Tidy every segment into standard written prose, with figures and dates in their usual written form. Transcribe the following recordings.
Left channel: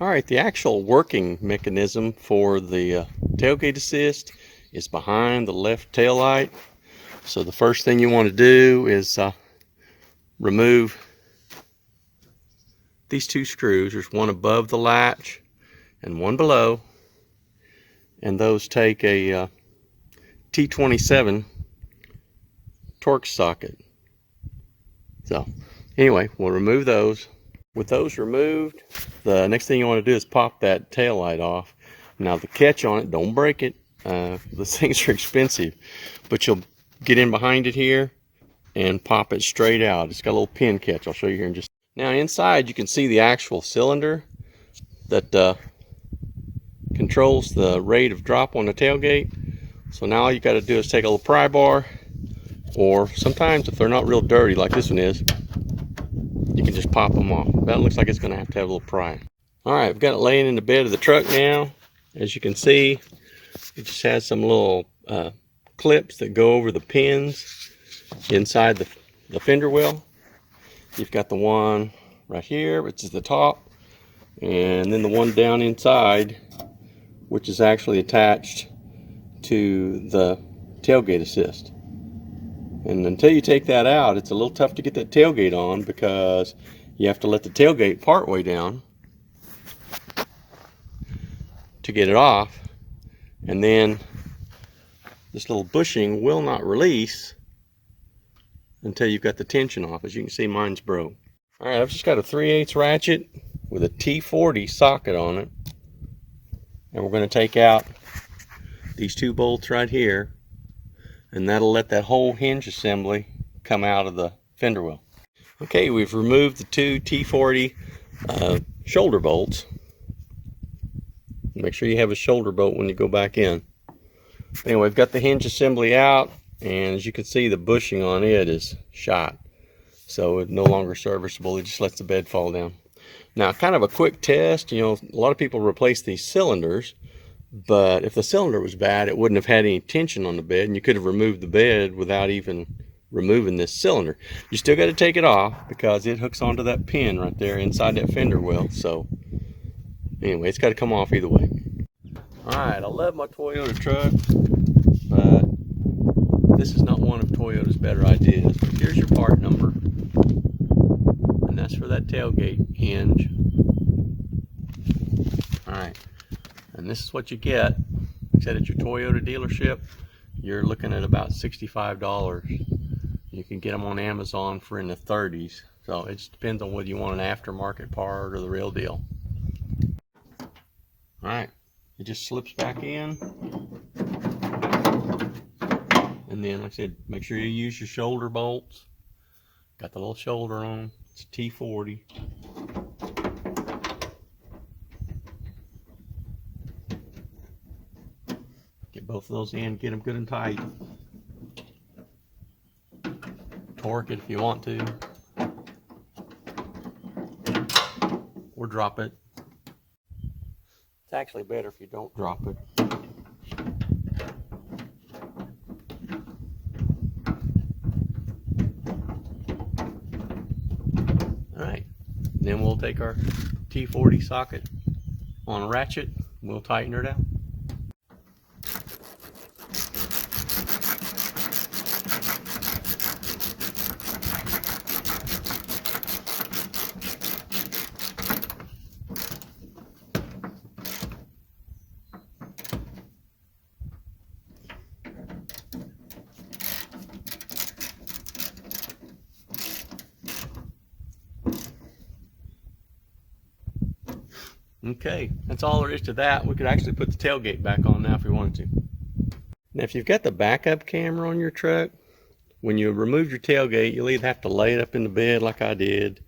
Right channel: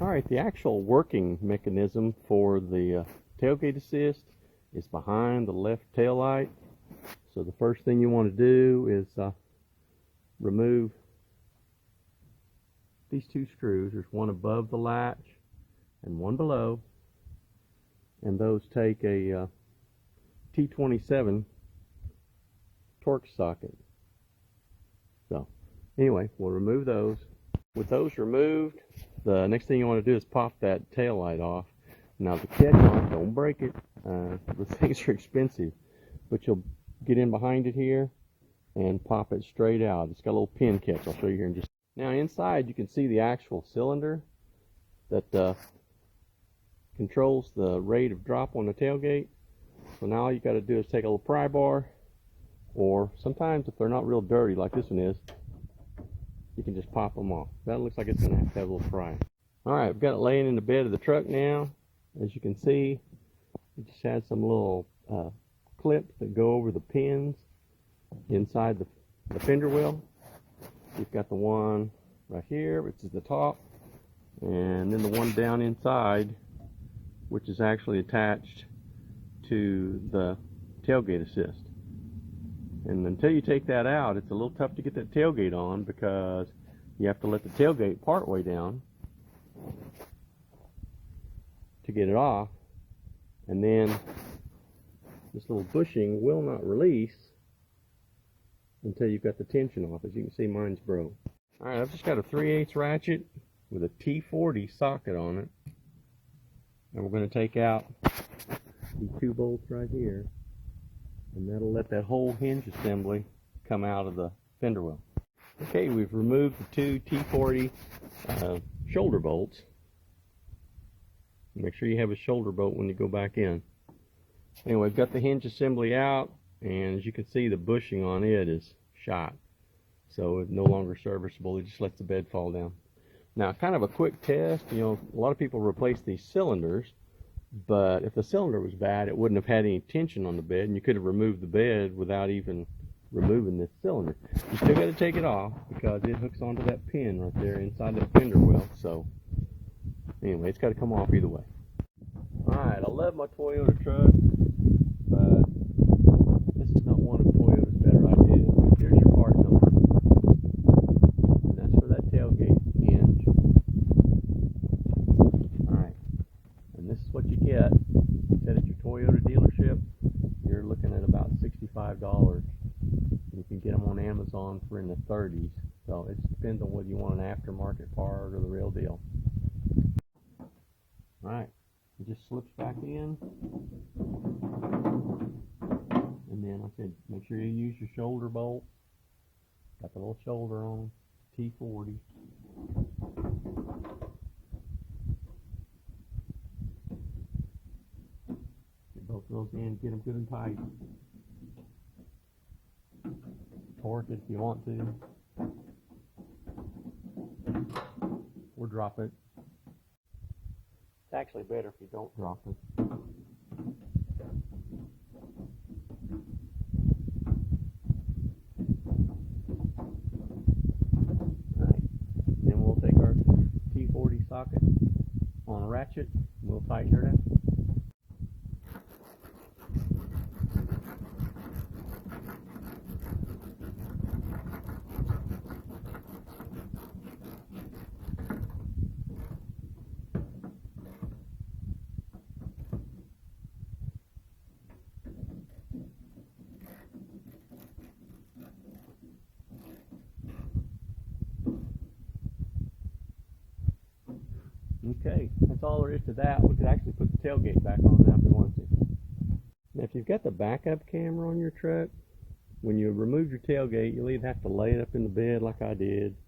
Alright, the actual working mechanism for the tailgate assist is behind the left tail light. So the first thing you want to do is remove these two screws. There's one above the latch and one below, and those take a T27 Torx socket. So anyway, we'll remove those. With those removed, the next thing you want to do is pop that tail light off. Now the catch on it, don't break it. These things are expensive, but you'll get in behind it here and pop it straight out. It's got a little pin catch. I'll show you here in just. Now inside you can see the actual cylinder that controls the rate of drop on the tailgate. So now all you got to do is take a little pry bar, or sometimes if they're not real dirty like this one is, you can just pop them off. That looks like it's going to have a little prying. Alright, I've got it laying in the bed of the truck now. As you can see, it just has some little clips that go over the pins inside the fender well. You've got the one right here, which is the top, and then the one down inside, which is actually attached to the tailgate assist. And until you take that out, it's a little tough to get that tailgate on, because you have to let the tailgate part way down to get it off, and then this little bushing will not release until you've got the tension off. As you can see, mine's broke. Alright, I've just got a 3/8 ratchet with a T40 socket on it, and we're going to take out these two bolts right here, and that'll let that whole hinge assembly come out of the fender well. Okay, we've removed the two T40 shoulder bolts. Make sure you have a shoulder bolt when you go back in. Anyway, we've got the hinge assembly out, and as you can see, the bushing on it is shot, so it's no longer serviceable. It just lets the bed fall down. Now, kind of a quick test, you know, a lot of people replace these cylinders, but if the cylinder was bad, it wouldn't have had any tension on the bed, and you could have removed the bed without even removing this cylinder. You still got to take it off, because it hooks onto that pin right there inside that fender well. So anyway, it's got to come off either way. Alright, I love my Toyota truck, but this is not one of Toyota's better ideas. Here's your part number, and that's for that tailgate hinge. Alright, and this is what you get. Like I said, at your Toyota dealership, you're looking at about $65. You can get them on Amazon for in the 30s. So it just depends on whether you want an aftermarket part or the real deal. Alright, it just slips back in. And then, like I said, make sure you use your shoulder bolts. Got the little shoulder on them. It's T40. Get both of those in, get them good and tight. Torque it if you want to, or drop it. It's actually better if you don't drop it. Alright, then we'll take our T40 socket on a ratchet, we'll tighten her down. Okay, that's all there is to that. We could actually put the tailgate back on now if we wanted to. Now, if you've got the backup camera on your truck, when you remove your tailgate, you'll either have to lay it up in the bed like I did,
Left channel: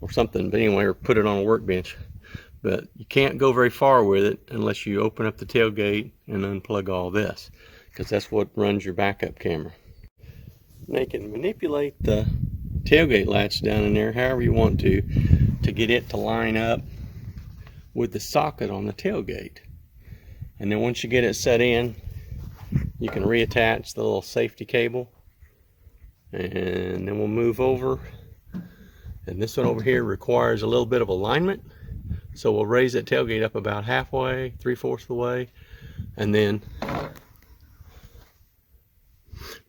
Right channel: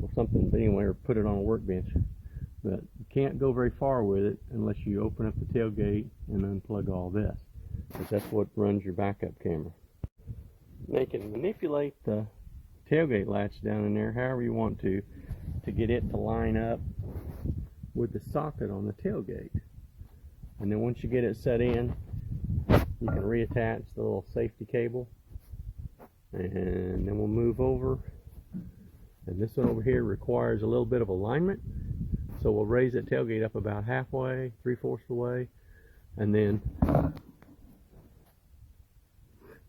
or something, but anyway, or put it on a workbench. But you can't go very far with it unless you open up the tailgate and unplug all this, because that's what runs your backup camera. Now you can manipulate the tailgate latch down in there however you want to get it to line up with the socket on the tailgate. And then once you get it set in, you can reattach the little safety cable, and then we'll move over. And this one over here requires a little bit of alignment, So we'll raise that tailgate up about halfway, 3/4 of the way, and then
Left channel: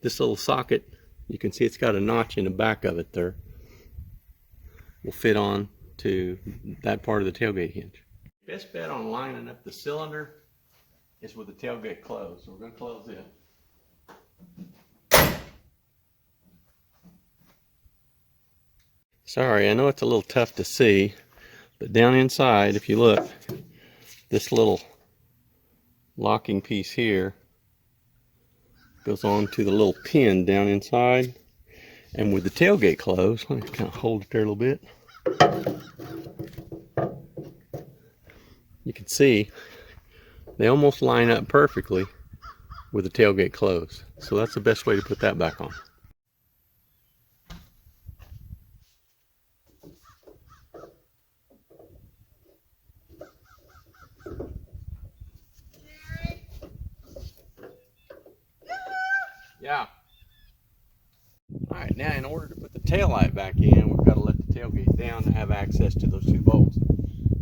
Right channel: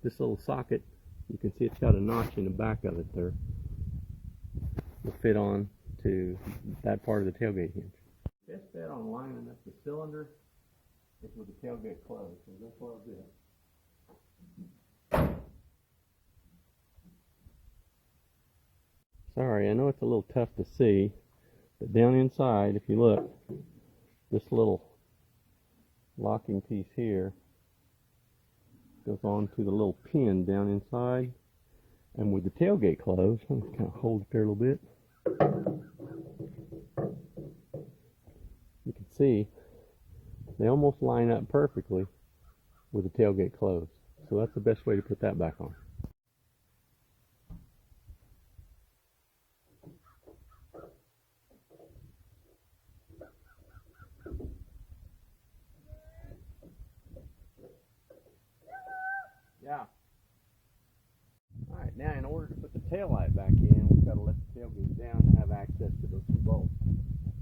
this little socket, you can see it's got a notch in the back of it there, will fit on to that part of the tailgate hinge. Best bet on lining up the cylinder is with the tailgate closed. So we're going to close it. Sorry, I know it's a little tough to see, but down inside, if you look, this little locking piece here goes on to the little pin down inside. And with the tailgate closed, let me kind of hold it there a little bit. You can see they almost line up perfectly with the tailgate closed. So that's the best way to put that back on. Yeah. All right, now in order to put the tail light back in, we've got to let the tailgate down to have access to those two bolts.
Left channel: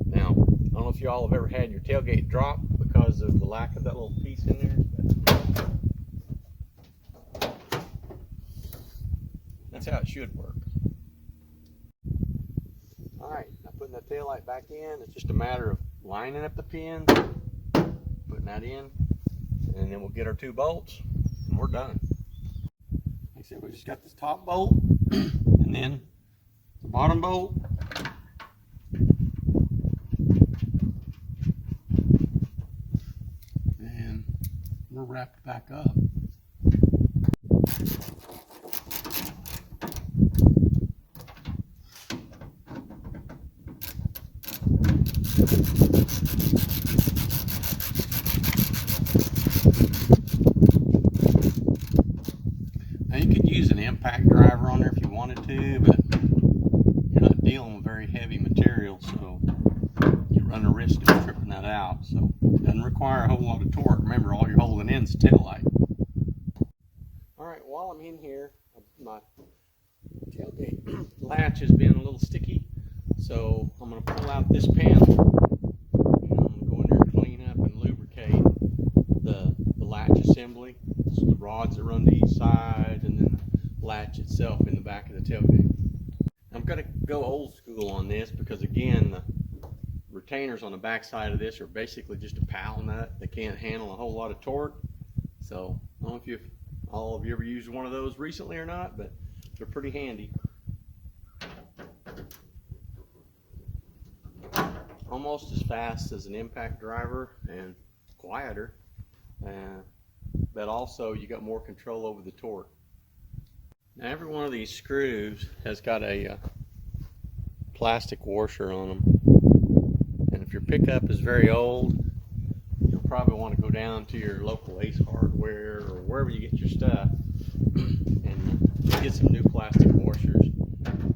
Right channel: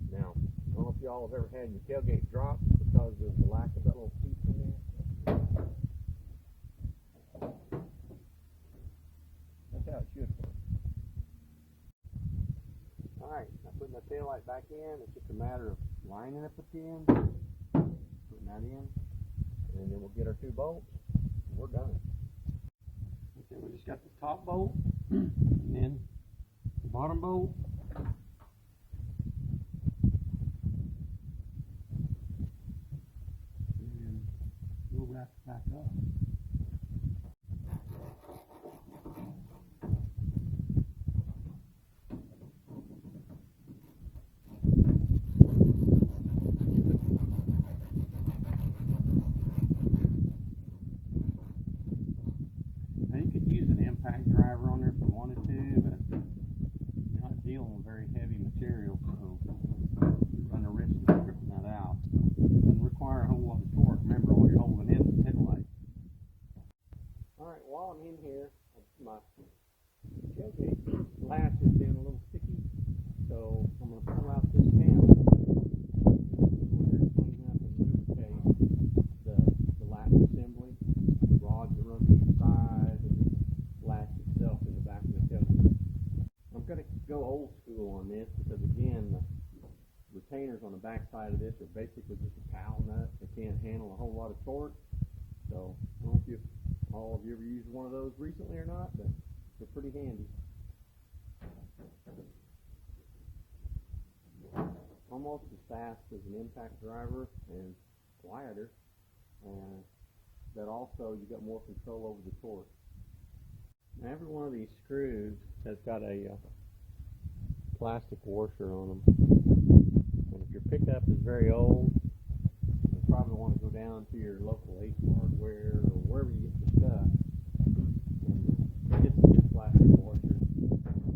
Now, I don't know if you all have ever had your tailgate drop because of the lack of that little piece in there. That's how it should work. All right, now putting the tail light back in, it's just a matter of lining up the pins, putting that in, and then we'll get our two bolts, and we're done. Like I said, we just got this top bolt, and then the bottom bolt. And we're wrapped back up. Now you could use an impact driver on there if you wanted to, but you're not dealing with very heavy material, so you run the risk of tripping that out. So it doesn't require a whole lot of torque. Remember, all you're holding in is the tail light. All right, while I'm in here, my tailgate latch has been a little sticky, so I'm going to pull out this panel. And I'm going to go in there and clean up and lubricate the latch assembly. So the rods that run to each side, and then the latch itself in the back of the tailgate. I'm going to go old school on this because, again, the retainers on the back side of this are basically just a pal nut. They can't handle a whole lot of torque. So I don't know if all of you ever used one of those recently or not, but they're pretty handy. Almost as fast as an impact driver and quieter, but also you got more control over the torque. Now every one of these screws has got a plastic washer on them, and if your pickup is very old, you'll probably want to go down to your local Ace Hardware or wherever you get your stuff and get some new plastic washers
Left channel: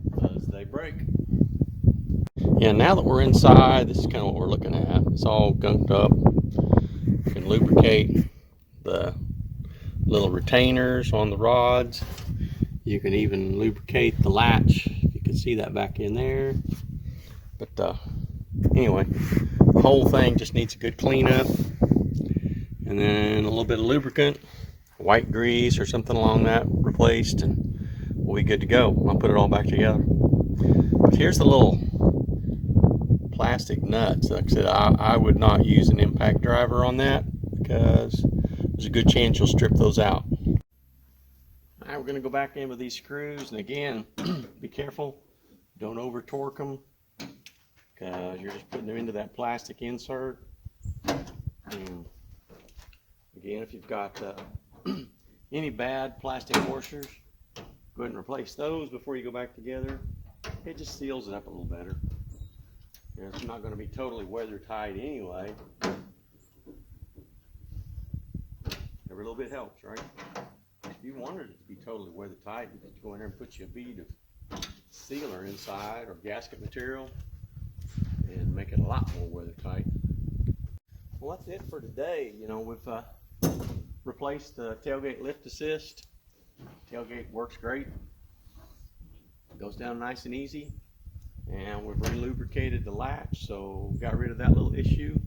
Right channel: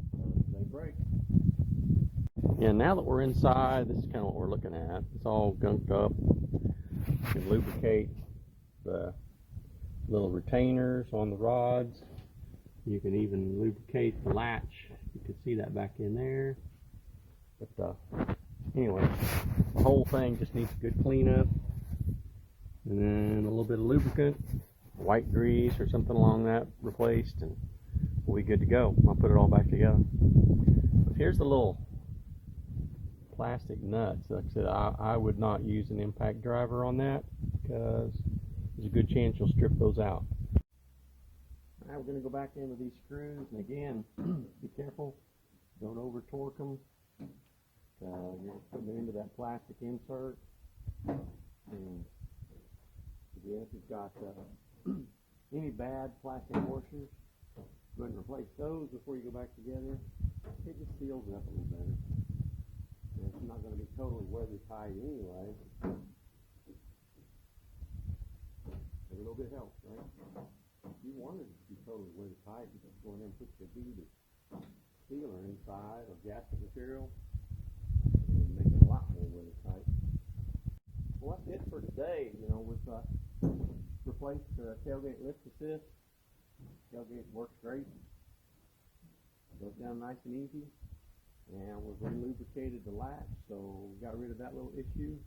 because they break. Yeah, now that we're inside, this is kind of what we're looking at. It's all gunked up. You can lubricate the little retainers on the rods. You can even lubricate the latch. You can see that back in there. But anyway, the whole thing just needs a good cleanup, and then a little bit of lubricant, white grease or something along that replaced, and we'll be good to go. I'll put it all back together. But here's the little plastic nuts. Like I said, I would not use an impact driver on that because there's a good chance you'll strip those out. All right, we're going to go back in with these screws, and again, be careful, don't over torque them because you're just putting them into that plastic insert. And again, if you've got any bad plastic washers, go ahead and replace those before you go back together. It just seals it up a little better. It's not going to be totally weather tight anyway. Every little bit helps, right? If you wanted it to be totally weather tight, you could go in there and put you a bead of sealer inside or gasket material and make it a lot more weather tight. Well, that's it for today. You know, we've replaced the tailgate lift assist. Tailgate works great. It goes down nice and easy. and we've re-lubricated the latch, so got rid of that little issue.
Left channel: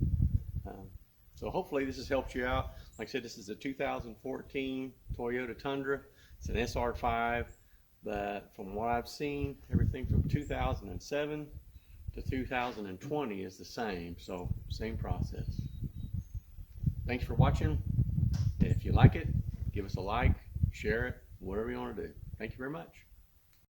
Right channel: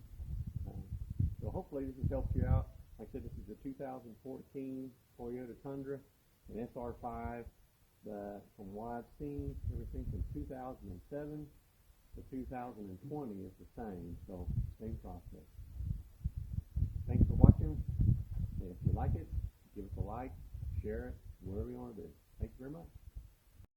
So hopefully this has helped you out. Like I said, this is a 2014 Toyota Tundra. It's an SR5, but from what I've seen, everything from 2007 to 2020 is the same, so same process. Thanks for watching. If you like it, give us a like, share it, whatever you want to do. Thank you very much.